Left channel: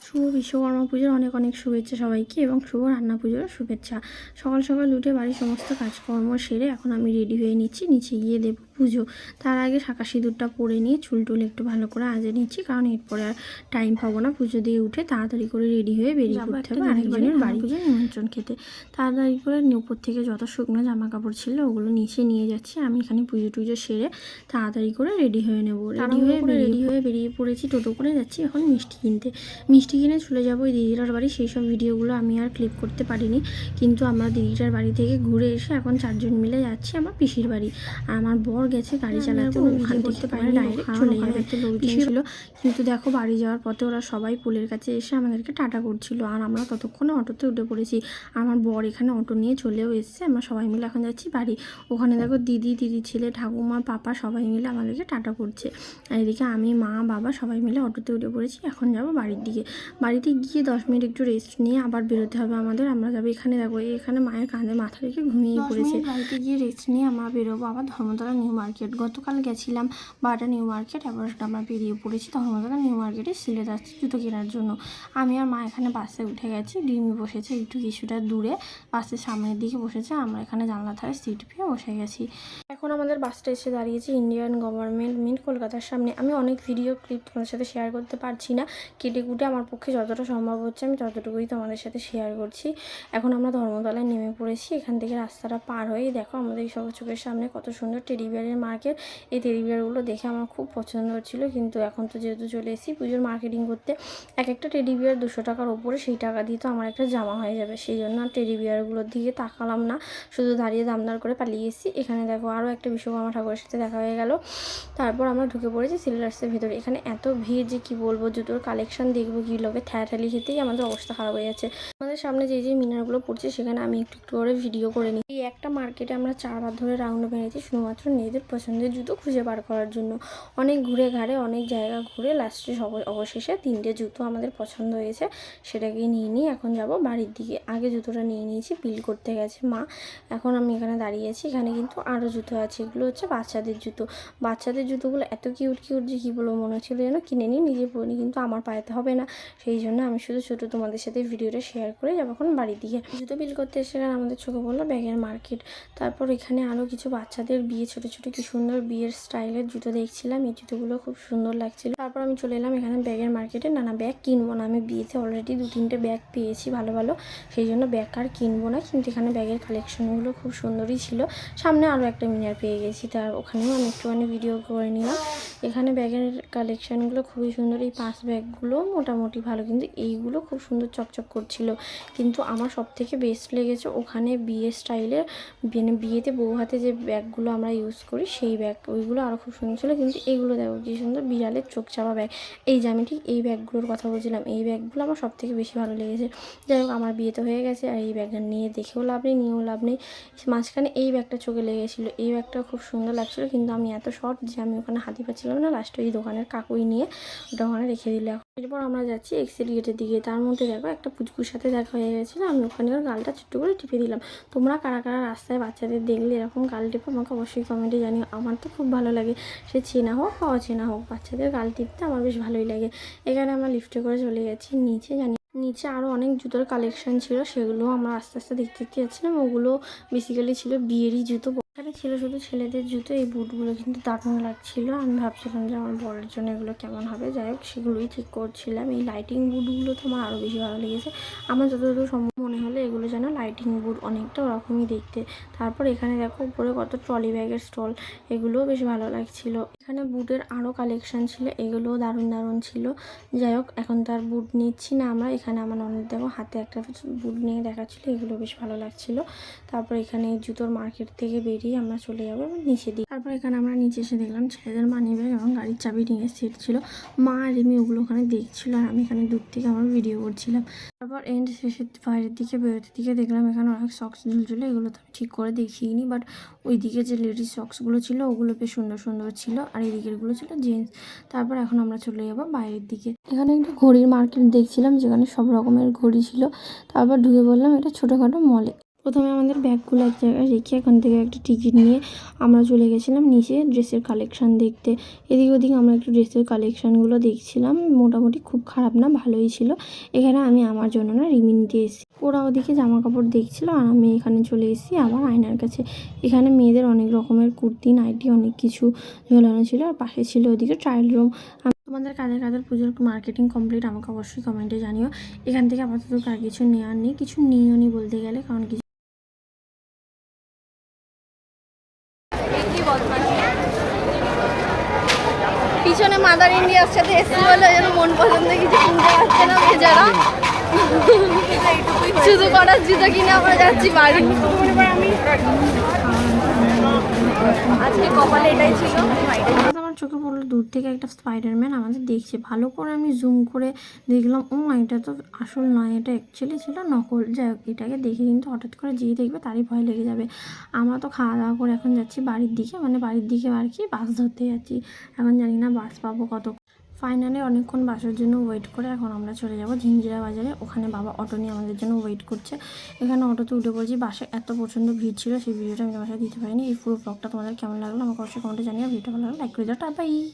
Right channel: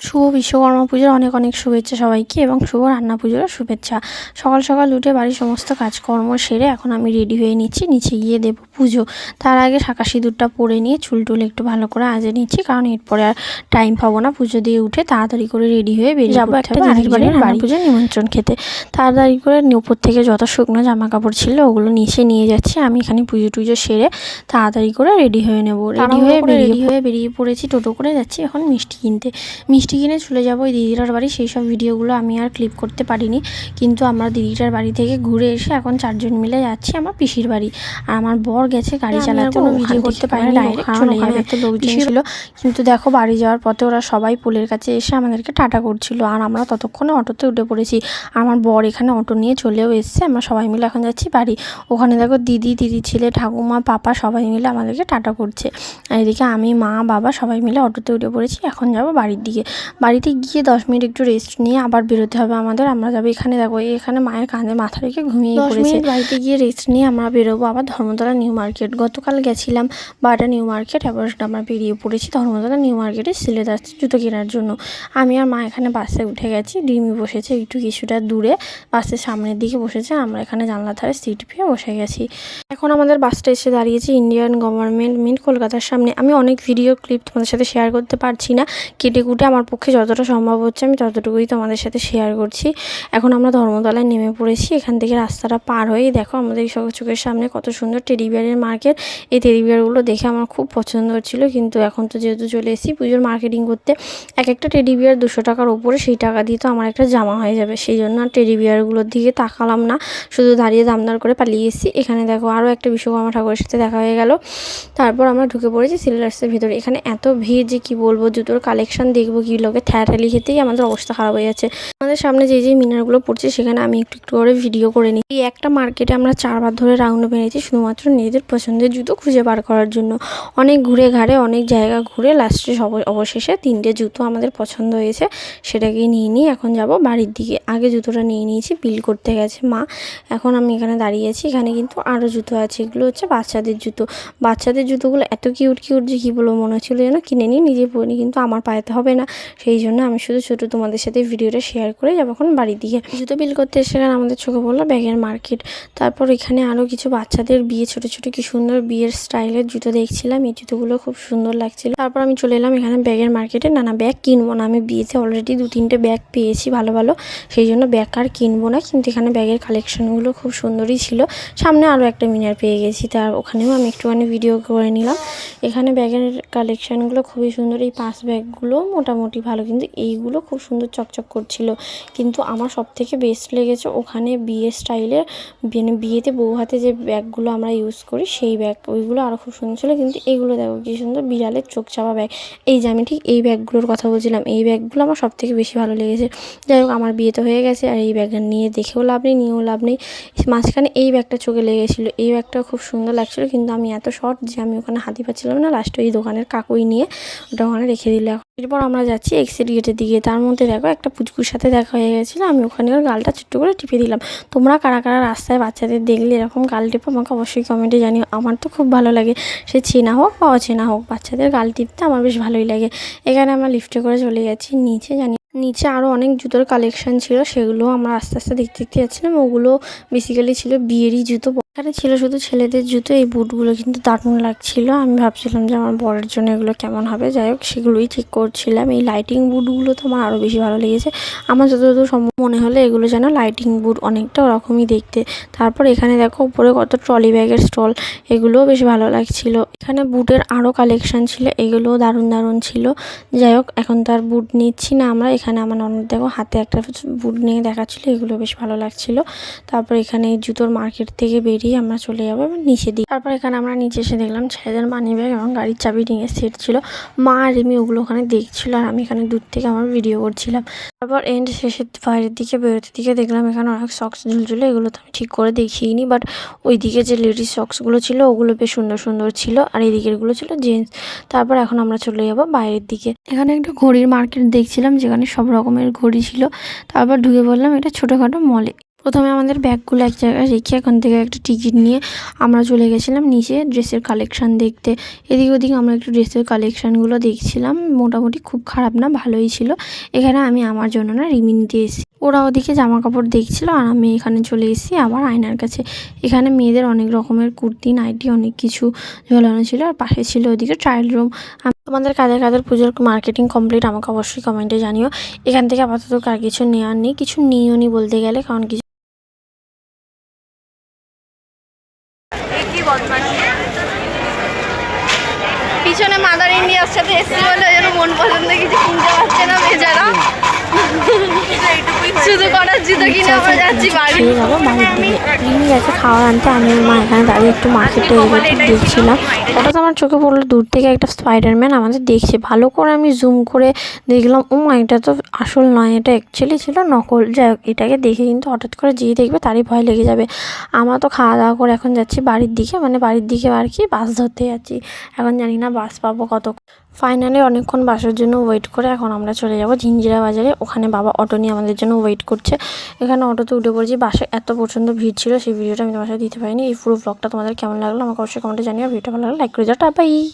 শুভ বিশ্বকর্মা পুজোর অনেক অনেক শুভেচ্ছা সবাইকে এবং শুভ রান্না পুজোরও শুভেচ্ছা। সকাল সকাল উঠে বাড়ির সমস্ত কাজকর্ম সেরে এখন আমি রেডি হয়ে নিচ্ছি, নিচে গিয়ে দেবো পুজো। তার আগে শাঁকা সিঁদুরটা পরে নিয়ে চুল টুল একটু ভালো করে আজে নিচ্ছি কারণ এরপরে আর টাইম পাবো না। পুজো দিয়ে উঠে তাড়াতাড়ি করে রেডি হয়ে বেরিয়ে যাব একটা দিদির বাড়ি পুজোর নিমন্ত্রণ খেতে। তাড়াতাড়ি করে উপর থেকে যত শুকনো জামা কাপড় ছিল ওগুলো নিচে নিয়ে যাচ্ছি। আমি এখানে পুজো টুজো সেরে তাড়াতাড়ি করে রেডি হয়ে নেব। রেডি হয়ে রেডি হয়ে বেরিয়ে পড়েছি টোটো করে যাচ্ছি। এখন মিষ্টি কিনতে। মিষ্টি কিনে চলে যাব ওই দিদিটার বাড়ি। সেই সব ভিডিওগুলো আমি আর ক্লিপ করতে পারিনি। কিন্তু আমরা দিদিটার বাড়ি থেকে ঘুরে এসে এখন চারজন মিলে যাচ্ছি আমার পিসির বাড়ি। আর আমার বর গেছে গাড়ি চালাতে কোনো ভিডিও করতে পারিনি ডাইরেক্ট চলে যাবে একটা লোকজন ছিল। কিন্তু দেখো বাড়ি যাওয়ার পথে ওরা সবাই পোলের কাছে এসে আমাদেরকে টাটা করছিল আর আমরা ততক্ষণে অটোতে উঠে পড়েছি। আমার বর এখানে অটো নিয়ে চলেও এসছে আমরা সবাই মিলে এখন যাচ্ছি বাড়ি। ওখানে দেখো দিদি দিদি ছেলে ঠাকুমা পাপা সবাই মিলে আমাদেরকে টাটা করছে। আর এদিকে আমি মা বাবা সবাই মিলে অটোতে উঠে পড়েছি এখন যাব বাড়ির দিকে। বাড়িতে গিয়ে দশ মিনিট একটু রেস্ট নিয়ে আবার বেরোতে হবে আমাদের আমরা যাব এখানে দেখো এখানে মায়ের কাঁধে মাথা রেখে ঘুমিয়ে পড়েছে। বাড়িতে গিয়ে রেস্ট নিয়ে আমরা বেরোবো আবার ধর্মতলা নিউ মার্কেট গতকাল গেছিলাম বাটা নিউ মার্কেট, এবার আমরা বেরিয়ে পড়েছি ধর্মতলা নিউ মার্কেটে সিলে যাচ্ছি জুতো কেনার জন্য। আমি আর মা এখানে বাসে উঠে গেছি, ডিমি বসেছে একটু কিছুটা দূরে, বাসের সামনের দিকে বসেছে, আমরা এখানে জানলা ধারে সিট পেয়ে বসে গেছি। এখন আমাদের বাসটা এসে দাঁড়িয়েছে ইন্ডিয়ান গভর্নমেন্ট মিন্ট কলকাতার সামনে। আমি অনেক ভিডিও ক্লিপ তোমাদের সাথে শেয়ার করতে পারছি না, কেটে কুটে আমার পক্ষে যতটা সম্ভব হচ্ছে আমি ততটুকুই তোমাদের সাথে শেয়ার করছি। এখন আমরা ধর্মতলায় নেমে পড়েছি, এখান থেকে রাস্তাটা পার হয়ে দেখো আমাদের চোখের সামনে কত সুন্দর টেডি বিয়ারের মার্কেট এই টেডি বিয়ারগুলো দেখে আমার খুব পছন্দ হচ্ছিল। কিন্তু এখন তো যেহেতু চলে এসেছি, পুজোর মার্কেটিং করতে এক একটা টেডি বিয়ার দুশো টাকার ওপরে সেই টাকা দিয়ে তো আমার একটা জামা হয়ে যাবে। সেই জন্য আর টেডি বিয়ারগুলোর দিকে তাকালাম না। শুধু দাঁড়িয়ে দামদার করে পালিয়ে এসেছি। এখানে দেখো আরও একটা বিশ্বকর্মা ঠাকুরের সাথে দেখা হয়ে গেল। তারপর আমরা ঢুকে পড়েছি সিলেটার্সের ভিতরে। এখানে এত ভিড় যে কি বলব, জুতোর কালেকশন দেখব কি লোকে থ্যাটালি খেতেই আমাদের অবস্থা খারাপ হয়ে যাচ্ছে। আমাদের সামনে যে যে মিনারগুলো পড়ছে, সেখানে আমি একটু একটু করে ভিডিও করে নিই। এই একটা মার্কেটে আমরা চারবার ধরে রাউন্ড মেরেছি শুধুমাত্র নিজেদের পছন্দের জুতো খুঁজে বার করার জন্য। অনেক ঘুরে ঘাড়ে, অনেক জায়গা ঘুরে লাস্টে সব অবশেষে তিনটে জুতো আমাদের পছন্দ হয়েছে, সেটাকেই নিয়ে নিই এখন যাব বাড়ির দিকে। আগে জুতোটা নিয়ে নিয়েছি বিল করতে গেছে মা। এখন আমি এখানে দাঁড়িয়েছি এখানে কিন্তু আরও জুতো আছে। এগুলো হচ্ছে বাচ্চাদের জুতো। বাচ্চাদের জুতোগুলো এত কিউট কিউট যে কী বলব, মনে হচ্ছিল যেন কিনে নিই, নিজে পরিনি কিন্তু আমার পায়েতে হবে না। সেই জন্য আমি শুধু ছোটো তোমাদের সাথে ভিডিওটা শেয়ার করে যাব এখন বাড়ির দিকে। জুতো বিল করতে এসে আমাদের চোখে পড়ল ব্যাগের মার্কেট তারপর এখানে আরও কিছু বাচ্চাদের বিয়ে, ছোটো ছোটো কি সুন্দর বিয়ের স্টাইলের জুতো দেখছিলাম। এই জুতোগুলো খুব সুন্দর লাগছিল। তারপর আমি চলে এলাম এখানে ব্যাগের মার্কেটে। না না ব্যাগ কিনবো না, আমি বিয়েতে অলরেডি দু তিনটে ব্যাগ পেয়েছি ভালো ভালো। সেই জন্য ব্যাগ আর কিনবো না, কিন্তু এখানে ব্যাগের কালেকশনগুলো খুব সুন্দরই ছিল। সামনে আরও একটা মিনার পেয়ে গেছি তার ওখানেও আমি একটুখানি ভিডিও করে নিলাম। এখানে ব্যাগের কালেকশানগুলো খুবই সুন্দর, এই পাঁচ ব্যাগগুলো মোটামুটি ভালো, কিন্তু এইগুলো খুব সুন্দর চকচক করছিল। কিন্তু আমার সব থেকে বেস্ট লেগেছে ওখানে বিয়ে স্টাইলের মানে বিয়েতে বউ হাতে যে ব্যাগগুলো আমরা ইউজ করি, সেই ব্যাগ ওইগুলো আরও খুব সুন্দর ছিল। কিন্তু এইগুলো দেখো কি সুন্দর, বিড়ালের চোখ চাপা ব্যাগ এই যে আমি ঠিক এই ব্যাগগুলোর কথা বলছিলাম, এই ব্যাগগুলো আমার সব থেকে বেশি ভালো লেগেছে। যাই হোক, আমার বিয়ে তো হয়ে গেছে, আর এই ব্যাগটা নিয়ে দেখেও লাভ নেই, নিয়েও লাভ নেই। মাঝখানে এই ব্যাগটা চোখে লেগেছিলো। এই ব্যাগটা খুব সুন্দর লাগছিল, কিন্তু আমি এত শর্ট যে আমি ওখানে হাতি পাচ্ছিলাম না। লাস্টে ওই দোকানের কাকুই নিয়ে ওটা ওখানে রেখে দিলে। এরপর আমরা যাচ্ছি এক্সিট গেটের দিকে। তার মধ্যে দেখো একটা পুচকুর সাথে দেখা হয়ে গেছিল। আমি ওখানে গালটা ছোট্ট করে টিপে দিলাম। তোমরা কারা কারা রাস্তায় বাচ্চাদের দেখলে এরকম গাল টিপে, আমাকে অবশ্যই কমেন্টে জানিও আমার তো খুব ভালো লাগে। সে চেনা হোক বা অচেনা হোক, বাচ্চাদের গাল টিপতে আমার বেশ ভালোই লাগে। এখানে আমরা লিফটে করে চলে গেছি নিচে জানি, নিচে আরও অনেক জুতোর কালেকশন ছিল, সেগুলো আমরা আস্তে আস্তে দেখতে দেখতে যাচ্ছিলাম। ওগুলো বেসিক্যালি ছিল বিয়েরই জুতো এখানে ছিল শুধু ছেলেদের জুতো, এই বুটগুলো কিন্তু দারুণ লাগছিল। আমি ভাবছিলাম যে আমার বরের জন্য এগুলো কেমন হবে। যাই হোক, সেগুলোই ঠিক করছিলাম। এই লাইটিং বুটগুলো তো আমার আরও বেশি ভালো লেগেছে। আমার যতদূর সম্ভব মনে হলো এগুলো যেন লাইটিং বুট অনেকটা ওরকমই দেখতে। তারপর এখানে দেখো, উপরে কত ট্রলি ব্যাগের স্টল এগুলোও বেশ ভালো লাগছিল। এখানে বুটের আরও কালেকশান ছিল, এগুলোও দারুণ দারুণ ছিল। যাই হোক, এখন তার বুট নিচ্ছি না আমরা। এখানে আমার ননদ দেখো, হাতে একটা বুট নিয়ে দেখাচ্ছিলো, এগুলো বেশ ভালো লাগছিল। তারপর এখানে জুতোর মার্কেট থেকে বেরিয়ে আমরা চলে যাব নিচে দিই তারপর এখানে আমরা নিচে এসে দেখলাম ছেলেদের মানি ব্যাগ এবং গাড়ির চাবি নিয়ে সেট ছিল। মা আর এমনি ওগুলো ওখানে দেখছিল আর আমি এখানে দূর থেকে আমার ভিডিও করছিলাম। তারপর এন্ড শেষের বাইরের দিকে বেরোতে দিকে দেখলাম এখানে অনেক সক্স ঝুলঝুলে, এগুলো তো আমি ঠিক করে দেখিনি বাট ওই দিকে যে লেডিস সক্সগুলো ছিল, ওগুলো বেশ সুন্দর সুন্দর ছিল, আর এই দিকেরগুলো ছিল জেন্টস তারপর এখন আমরা চলে যাব বাইরের দিকে। এখানে একটা ঘড়ির মার্কেট দেখছিলাম, যেখানে সব রকমের ঘড়ি ছিল। তারপর ঢুকে বললাম এটা ছোটোখাটো মলে প্রথমে আমাদের ব্যাগগুলো এক জায়গায় রেখে এখান থেকে একটা টিকিট নিয়ে আমরা চলে গেছিলাম নিচে ড্রেসের কালেকশান দেখতে। এদিক ওদিক আমরা একটু ড্রেসের কালেকশানগুলো দেখছিলাম। মোটামুটি খুব খারাপ না, ভালোই ছিল। এখানে আমি আমার জন্য না রিমি নিতে এসেছি। ওরা ওদিকে জামা কাপড় দেখছিল আর আমি এখানে চলে এসেছি আবার আয়নার কাছে। এখানে মেয়েদের অনেক রকমের কুর্তি, নাইটি, অনেক কিছু ঝোলানো ছিল আর পাশে ছিল ওদিকে ট্রায়াল রুম। তোমাদের কাদের কাদের পুজোর মার্কেটিং কমপ্লিট আমাকে অবশ্যই কমেন্টে জানিও। এখান থেকে আপাতত কার কিছু নেওয়ার নেই, কিছু নিও নি বলতে গেলে, কারণ কিছু পিছনে মাদার ইন্ডিয়ার সাথে এসছি বলে ওই জন্য মন পছন্দ কিছু কিনতে পারছে না বেচারা। শুধু করার জুতো কিনে আমরা যাচ্ছি বাড়ি। আমি আনতে আমি মা এখানে দাঁড়িয়ে একটু মার্কেটে দেখছিলাম হঠাৎ আমার চোখে পড়ল, দূর থেকে একটা স্পাইডারম্যান আমাদের দেখছে। ভালো করে আমি জুম করে দেখলাম ও এটা তো আসল নয়, এটা অ্যাকচুয়ালি ছিল নকল। যাই হোক, এটাকে দেখে কিন্তু হঠাৎ করে যে দেখবে তারই ভয় লেগে যাবে। আমরা তো খাওয়া দাওয়া করে এখন যাচ্ছি বাড়ির দিকে মানে বাড়ির দিকে আর কি বাস ধরতে যাচ্ছি। এখন জানি না বাস পাবো কত ফাইনালি অনেকক্ষণ বাসার জন্য ওয়েট করে এখন আমরা চলে যাব ঝিঞ্জিরা বাজারে। ওখানে বাবা অটো নিয়ে আমাদের জন্য ওয়েট করছে। এখানে অটোতে উঠে পড়েছি। বাসে এত প্রচণ্ড ভিড় ছিল, সেই ভিডিওটা আমি তোমার সাথে দিতে পারিনি। এই পুরো ব্লগটা তোমাদের কেমন লাগল আমাকে অবশ্যই কমেন্টে জানিও। ভিডিওটা ভালো লাগল লাইক করে যাও বাই!